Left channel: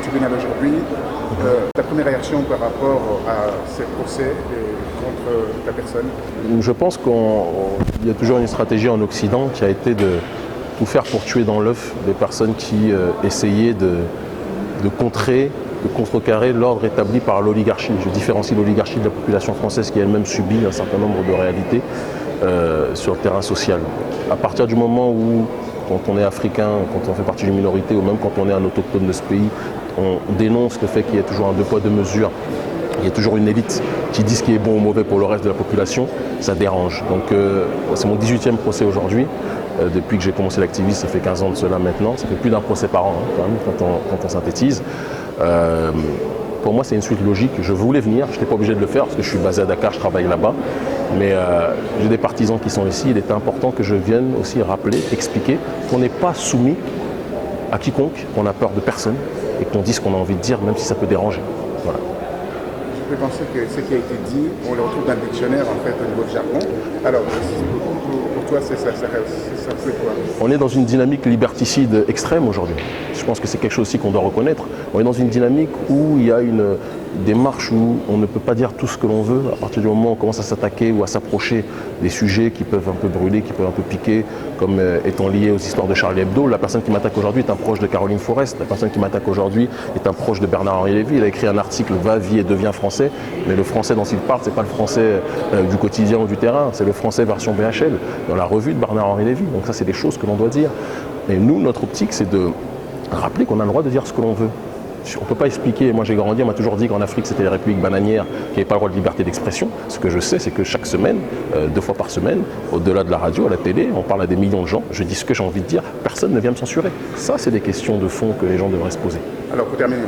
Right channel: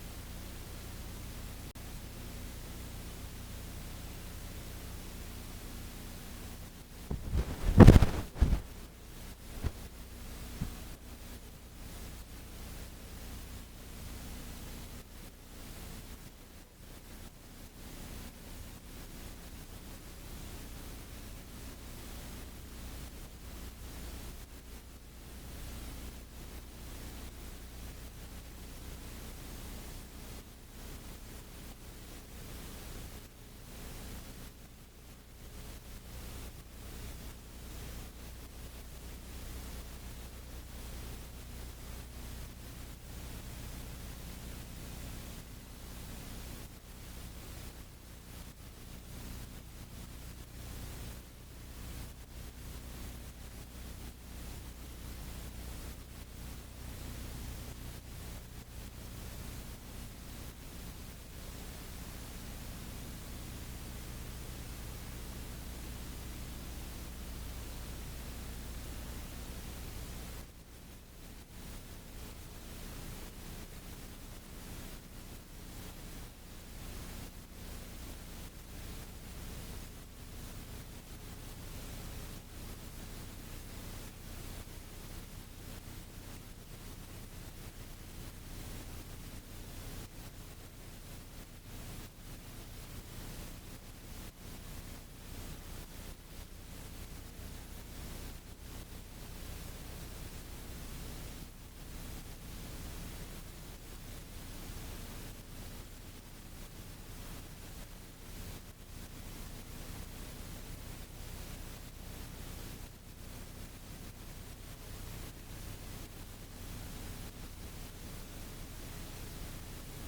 tribunal aujourd'hui. Ta première réaction par rapport à ces procès contre ta personne? Je pense qu'il y a toujours une stratégie en Occident qui a été de tout faire pour tuer dans l'œuf des personnes qui essayaient de contrecarrer l'ordre établi par l'oligarchie. Je différencie l'oligarchie de la population française qui elle-même subit un certain nombre de réalités sur le terrain social. À partir du moment où, quand on est africain, quand on fait partie d'une minorité ou même quand on est un autochtone de ce pays, on dénonce le fait qu'il y ait toujours un deux poids deux mesures, il y a toujours une élite qui dit ce qui est bon ou mauvais pour le reste de la population, ça dérange. Donc c'est mon 18e procès aujourd'hui. Depuis que j'ai commencé l'activisme, ça fait 15 ans de cela maintenant. Ça fait plus d'un procès par an quand même, quand on synthétise. Pour moi, c'est une suite logique. Je voulais venir, je n'étais pas obligé de le faire parce que je suis basé à Dakar, je travaille là-bas. Mais j'ai des partisans qui sont ici. Il était important que je vienne aussi rappeler, expliquer qu'on n'est pas soumis à quiconque, qu'on n'a peur de personne et qu'on dise ce qu'on a envie de dire, même si ça peut déranger. Voilà. Je peux penser que ce qui a été dit, on le retrouve dans le dictionnaire en fait au niveau du jargon. Alors, pour toi, ça fait quoi? On est dans une dynamique liberticide extrême aujourd'hui. Je pense que c'est quelque chose aussi qu'on doit reconnaître. On est dans une dynamique où il y a une démarche où on ne peut pas dire tout ce que l'on veut. À partir du moment où on commence à s'attaquer ou à s'approcher des sujets qui peuvent un peu brûler, qui peuvent un peu piquer, comme étant liés aux histoires de Charlie Hebdo. La personne qui m'attaque aujourd'hui est un proche de Caroline Forest. La personne qui m'attaque aujourd'hui est un proche de Bernard-Henri Lévy. Il a écrit un article « Va, vie et deviens français ». Mais le français dont il parle, ce n'est pas le français du quotidien ou du terrain, c'est le français version BHL, dans la revue de Bernard-Henri Lévy. Donc ça, c'est des choses que l'on doit dire. Et nous, notre optique, c'est de rappeler qu'on a le droit de dire ce que l'on veut. On ne peut pas expliquer, moi j'ai grandi, on m'a toujours dit qu'en Afrique c'était les républiques bananières qui n'avaient pas le droit de liberté d'expression. Ce que je sais, c'est que chaque semaine, 2 fois par semaine, au-delà de la radio, à la télé, on parle à des millions de gens, je dis ce que j'ai envie de dire, personne ne vient me censurer. Ça, c'est des questions de fond que les gens devraient se poser. Alors pour terminer,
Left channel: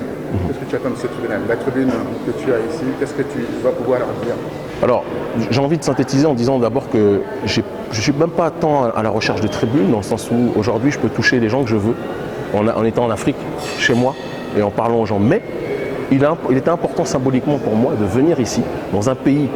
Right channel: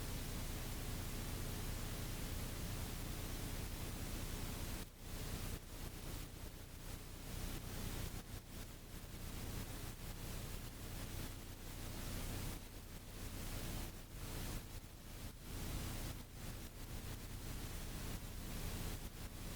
qu'est-ce que tu attends de ce tribunal? La tribune que tu as ici, qu'est-ce que tu vas pouvoir leur dire? Alors, j'ai envie de synthétiser en disant d'abord que je ne suis même pas tant à la recherche de tribunes, dans le sens où aujourd'hui je peux toucher les gens que je veux, en étant en Afrique, chez moi, et en parlant aux gens. Mais il était important symboliquement pour moi de venir ici, dans un pays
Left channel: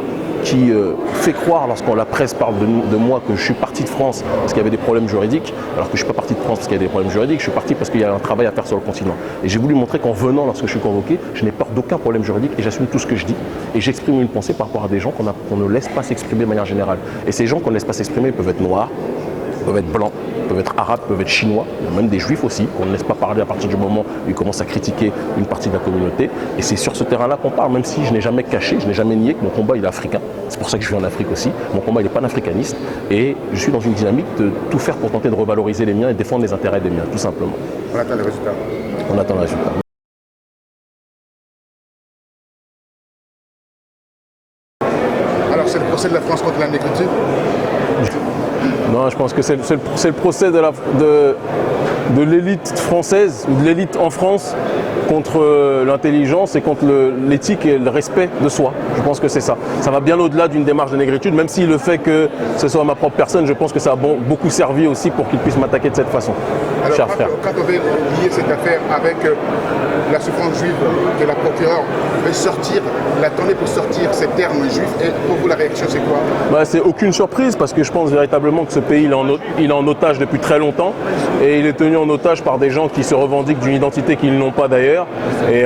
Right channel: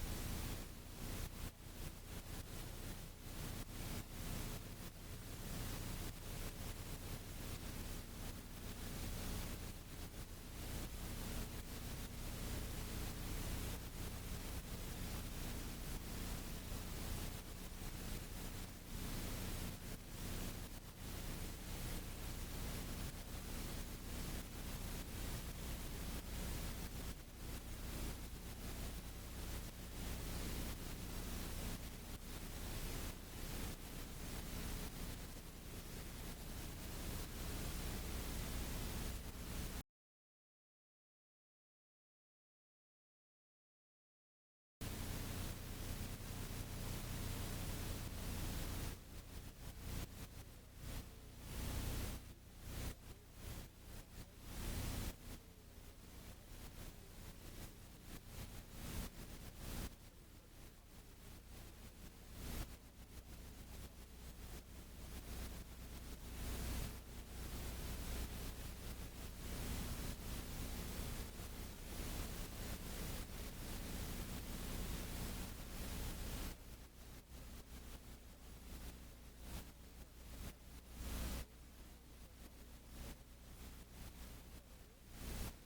qui fait croire, lorsqu'on la presse parle de moi, que je suis parti de France parce qu'il y avait des problèmes juridiques, alors que je ne suis pas parti de France parce qu'il y a des problèmes juridiques, je suis parti parce qu'il y a un travail à faire sur le continent. Et j'ai voulu montrer qu'en venant, lorsque je suis convoqué, je n'ai peur d'aucun problème juridique et j'assume tout ce que je dis. Et j'exprime une pensée par rapport à des gens qu'on ne laisse pas s'exprimer de manière générale. Et ces gens qu'on ne laisse pas s'exprimer peuvent être noirs, peuvent être blancs, peuvent être arabes, peuvent être chinois, il y a même des juifs aussi, qu'on ne laisse pas parler à partir du moment où ils commencent à critiquer une partie de la communauté. Et c'est sur ce terrain-là qu'on parle, même si je n'ai jamais caché, je n'ai jamais nié que mon combat il est africain. C'est pour ça que je vis en Afrique aussi. Mon combat il est panafricaniste et je suis dans une dynamique de tout faire pour tenter de revaloriser les miens et défendre les intérêts des miens, tout simplement. On attend les résultats. On attend les résultats. Alors c'est le procès de la France contre la négritude? Non, je pense que c'est le procès de l'élite française, ou de l'élite en France, contre l'intelligence et contre l'éthique et le respect de soi. Je pense que c'est ça. Ça va bien au-delà d'une démarche de négritude, même si le fait que ce soit ma propre personne, je pense que ça a beaucoup servi aussi pour qu'ils puissent m'attaquer de cette façon. Alors, cher frère. Quand on veut lier cette affaire avec la souffrance juive de la procureure, veut sortir, l'attendait pour sortir ces termes juifs, et pour vous la réaction c'est quoi? C'est aucune surprise parce que je pense véritablement que ce pays il est en otage depuis très longtemps et il est tenu en otage par des gens qui se revendiquent d'une identité qu'ils n'ont pas d'ailleurs. Et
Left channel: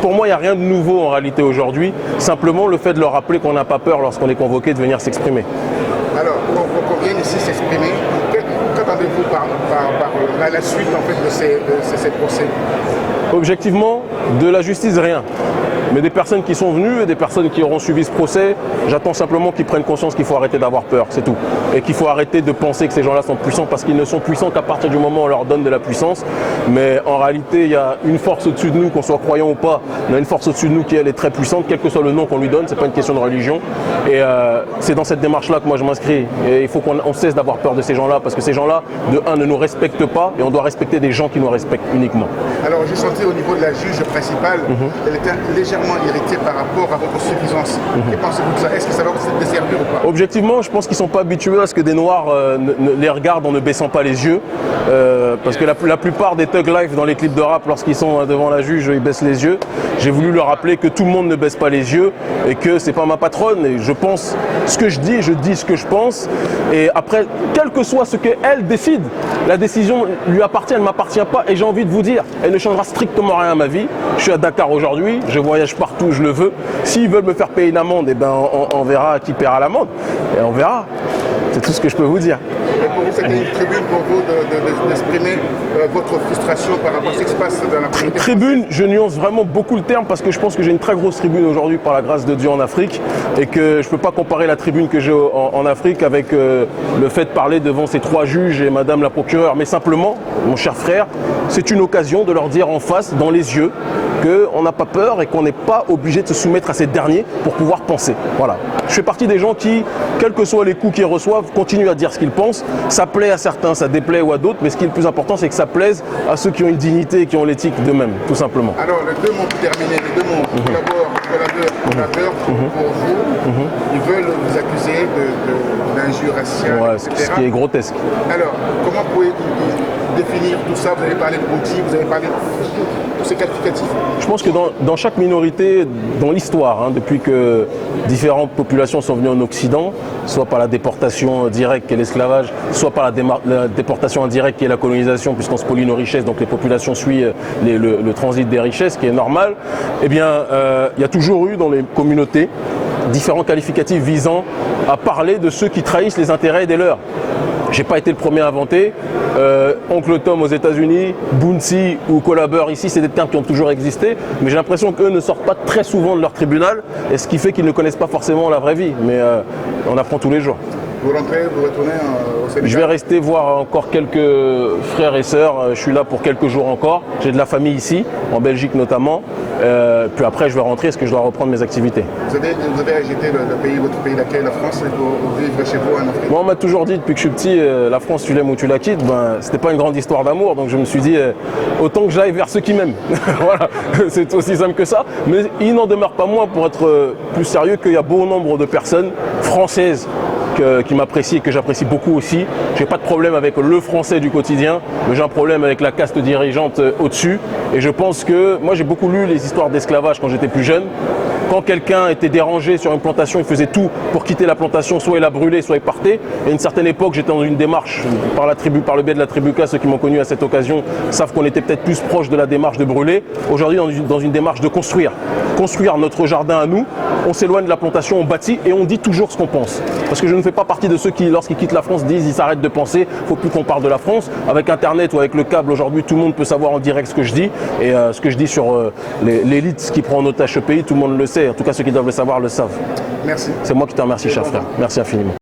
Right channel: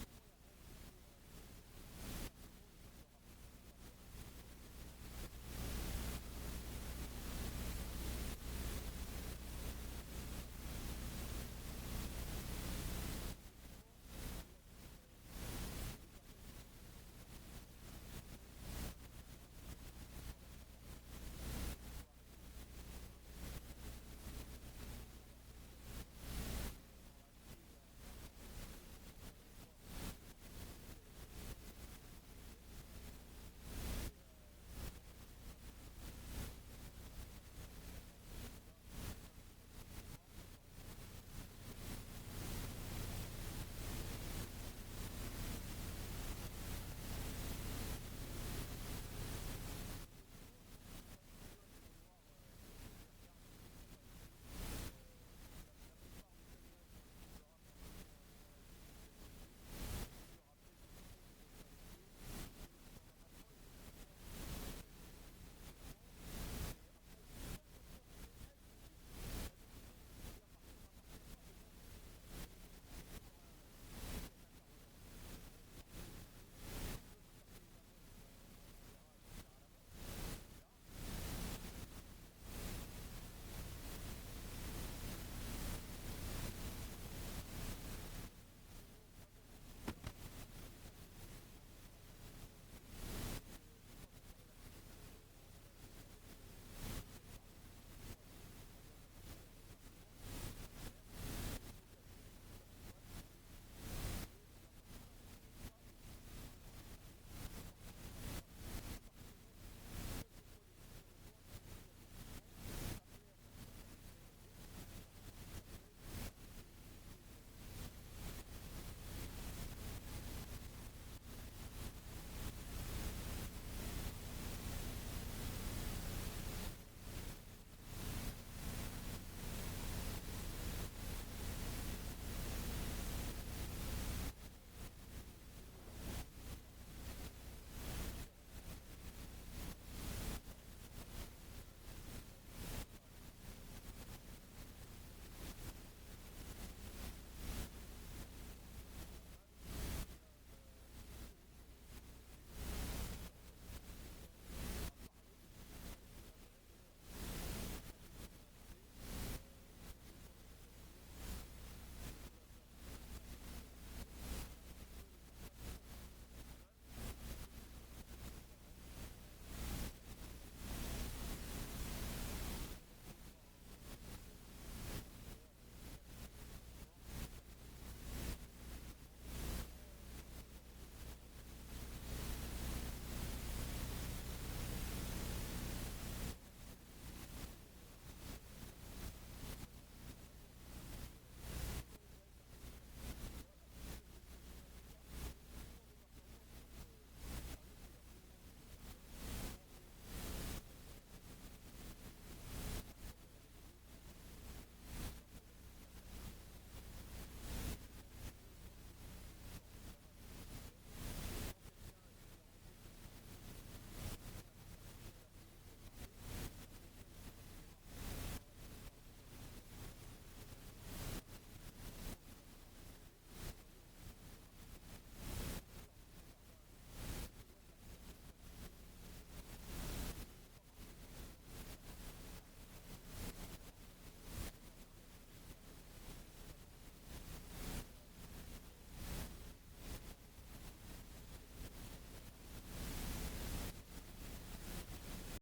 pour moi il n'y a rien de nouveau en réalité aujourd'hui, simplement le fait de leur rappeler qu'on n'a pas peur lorsqu'on est convoqué de venir s'exprimer. Alors qu'on vienne ici s'exprimer, qu'attendez-vous par la suite en fait de ces procès? Objectivement, de la justice, rien. Mais des personnes qui sont venues et des personnes qui auront suivi ce procès, j'attends simplement qu'ils prennent conscience qu'il faut arrêter d'avoir peur, c'est tout. Et qu'il faut arrêter de penser que ces gens-là sont puissants parce qu'ils ne sont puissants qu'à partir du moment où on leur donne de la puissance. Mais en réalité, il y a une force au-dessus de nous, qu'on soit croyant ou pas, il y a une force au-dessus de nous qui elle est très puissante, quel que soit le nom qu'on lui donne, c'est pas une question de religion. Et c'est dans cette démarche-là que moi je m'inscris. Et il faut qu'on cesse d'avoir peur de ces gens-là parce que ces gens-là, de un, ne nous respectent pas et on doit respecter des gens qui nous respectent uniquement. Alors j'ai senti au niveau de la juge principale, elle était légèrement légèrement irrité par rapport à votre suffisance. Et pensez-vous que ça, est-ce que ça va vous desservir ou pas? Objectivement, je pense qu'ils ne sont pas habitués à ce que des Noirs les regardent en ne baissant pas les yeux. Parce que la plupart des Thug Life dans les clips de rap, lorsqu'ils sont devant la juge, ils baissent les yeux. J'ai voulu leur rappeler que tout le monde ne baisse pas les yeux et que c'est pas ma patronne. Et je pense ce que je dis ce que je pense. Et après, quel que soit ce qu'elle décide, la décision lui appartient, elle ne m'appartient pas. Et j'ai envie de vous dire, elle ne changera strictement rien à ma vie. Je suis à Dakar aujourd'hui, je voyage partout où je le veux. S'ils veulent me faire payer une amende, eh ben, on verra qui paiera l'amende. Et on verra. C'est tout ce que je peux vous dire. Et pour vous, c'était une tribune pour vous d'exprimer votre frustration par rapport à ce qui se passe dans la communauté? Tribune, je nuance vraiment beaucoup le terme parce que je pense que j'ai une très grosse tribune aujourd'hui par la grâce de Dieu en Afrique et que je ne peux pas comparer la tribune que j'ai en Afrique avec le fait de parler devant ces 3 juges et madame la procureure. Mais simplement, mon cher frère, c'est une occasion de leur dire en face, dans les yeux, qu'on n'a pas peur et qu'on n'est pas obligé de se soumettre à ces derniers pour pouvoir penser. Voilà. Je fais partie des gens qui, quels que soient les coups qu'ils reçoivent, continuent à dire ce qu'ils pensent. Ça plaît à certains, ça déplaît ou à d'autres, mais ce qui est le plus important, c'est que ça plaise à ceux qui ont une dignité et qui ont l'éthique d'eux-mêmes, tout simplement. Alors, les 2 mots pour terminer, les 2 mots, collaborateurs, pour vous, ils veulent vous accuser d'injures raciales, Ouais, etc. ce qui est grotesque. Alors, comment pouvez-vous définir tout ça? Vous avez parlé de outils, vous avez parlé de tous ces qualificatifs. Je pense que dans chaque minorité, dans l'histoire, depuis que différentes populations sont venues en Occident, soit par la déportation directe qui est l'esclavage, soit par la déportation indirecte qui est la colonisation, puisqu'on spolie nos richesses, donc les populations suivent le transit des richesses, qui est normal, eh bien, il y a toujours eu dans les communautés différents qualificatifs visant à parler de ceux qui trahissent les intérêts des leurs. J'ai pas été le premier à inventer. Oncle Tom aux États-Unis, Bounty ou Collabeur ici, c'est des termes qui ont toujours existé, mais j'ai l'impression qu'eux ne sortent pas très souvent de leur tribunal, et ce qui fait qu'ils ne connaissent pas forcément la vraie vie. Mais on apprend tous les jours. Vous rentrez, vous retournez au Sénégal? Je vais rester voir encore quelques frères et sœurs. Je suis là pour quelques jours encore. J'ai de la famille ici, en Belgique notamment. Puis après, je vais rentrer parce que je dois reprendre mes activités. Vous avez rejeté votre pays d'accueil, la France, pour vivre chez vous en Afrique? Moi, on m'a toujours dit depuis que je suis petit, la France, tu l'aimes ou tu la quittes. Ben, c'était pas une grande histoire d'amour, donc je me suis dit, autant que j'aille vers ceux qui m'aiment. Voilà, c'est aussi simple que ça. Mais il n'en demeure pas moins, pour être plus sérieux, qu'il y a bon nombre de personnes françaises qui m'apprécient et que j'apprécie beaucoup aussi. J'ai pas de problème avec le français du quotidien, mais j'ai un problème avec la caste dirigeante au-dessus. Et je pense que, moi j'ai beaucoup lu les histoires d'esclavage quand j'étais plus jeune. Quand quelqu'un était dérangé sur une plantation, il faisait tout pour quitter la plantation, soit il la brûlait, soit il partait. Et à une certaine époque, j'étais dans une démarche par le biais de la tribu K, ceux qui m'ont connu à cette occasion savent qu'on était peut-être plus proche de la démarche de brûler. Aujourd'hui, dans une démarche de construire notre jardin à nous. On s'éloigne de la plantation, on bâtit et on dit toujours ce qu'on pense. Parce que je ne fais pas partie de ceux qui, lorsqu'ils quittent la France, disent ils s'arrêtent de penser, il ne faut plus qu'on parle de la France. Avec Internet ou avec le câble, aujourd'hui, tout le monde peut savoir en direct ce que je dis. Et ce que je dis sur l'élite qui prend en otage ce pays, tout le monde le sait. En tout cas, ceux qui doivent le savoir le savent. Merci. C'est moi qui te remercie, cher frère. Merci infiniment.